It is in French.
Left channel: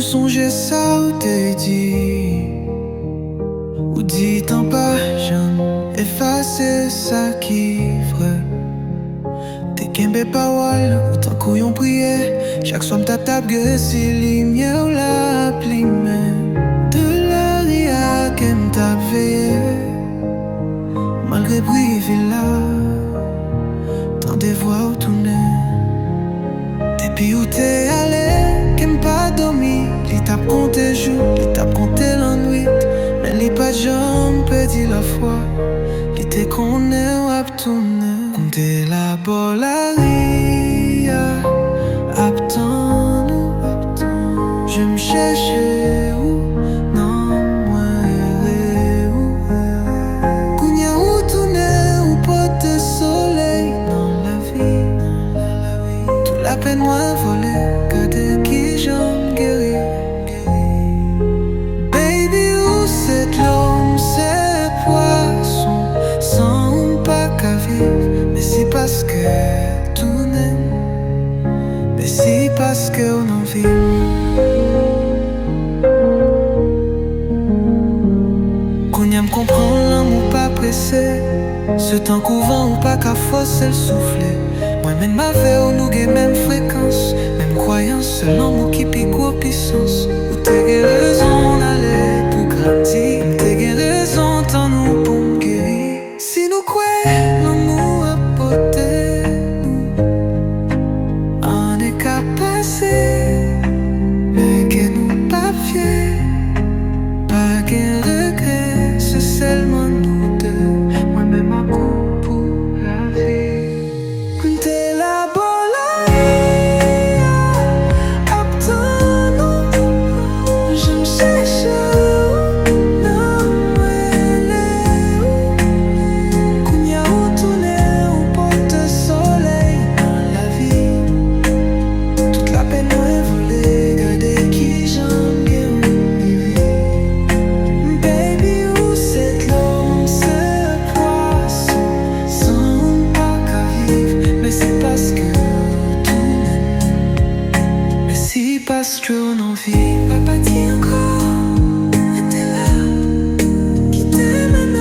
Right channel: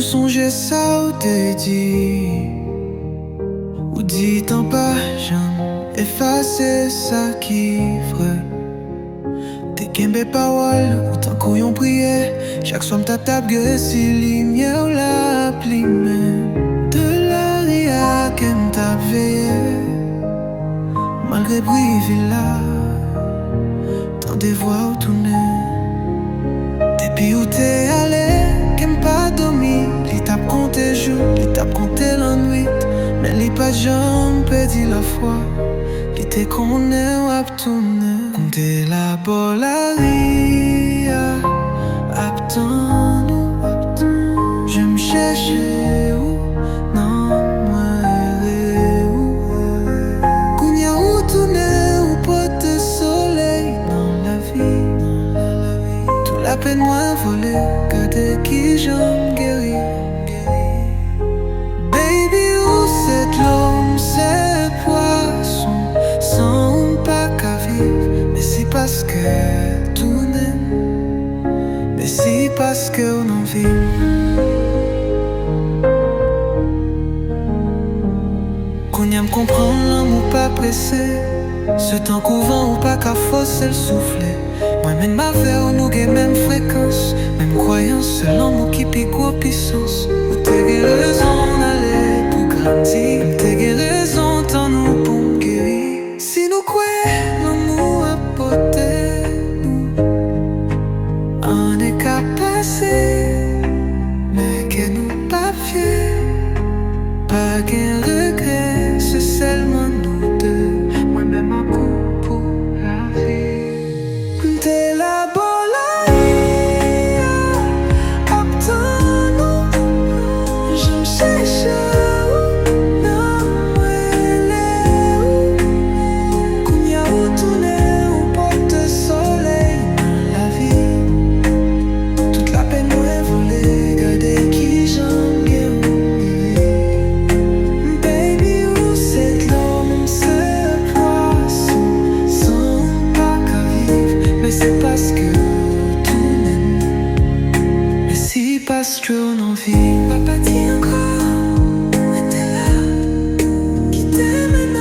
Ou songe ça ou te dit, ou dit en pas jamais effacer ça qui vrai. T'es kembe parole, ou tant qu'on prier. Chaque soir m'ta tape que si lumière la pli même. De la ria que m'ta veillé. Malgré privé là, tant des voix où tourner. Depuis où t'es allé, qu'aime pas dormi. Li tape compté jour, li tape compté la nuit. Mais li pas jambe perdu la foi. Li te connaît ou ap tourner. Compté la bolaria, ap tan nous. Je me cherchais où, non moi où. Kounya ou tourner ou pote de soleil dans la vie. Tout la peine moins volée, garder qui j'en guéris. Baby, où c'est l'homme, c'est poisson, sans pas qu'à vivre. Mais c'est parce que tout n'est, mais c'est parce qu'on en vit. Qu'on y a me comprendre l'amour pas pressé. Ce temps couvent ou pas qu'à forcer le souffler. Moi-même ma vie ou nous gagne même fréquence. Même croyance, c'est l'amour qui pique aux puissance. Ou t'es raison d'aller pour grandir. T'es raison tant nous pour me guérir. Si nous croyons l'amour à porter nous, on est qu'à passer. Mais que nous pas fiers. Pas qu'un regret, c'est seulement nous deux. Moi-même un coup pour la vie. T'es la bolaria, aptan nous. Je me cherche où, non moi où. Kounya ou tourner ou porte soleil dans la vie. Toute la peine moins volée, garder qui j'en gagne. Baby, où c'est l'homme, c'est poisson, sans pas qu'à vivre. Mais c'est parce que tout n'est, mais c'est parce qu'on en vit. Papa dit encore, mais t'es là, qui t'aime maintenant.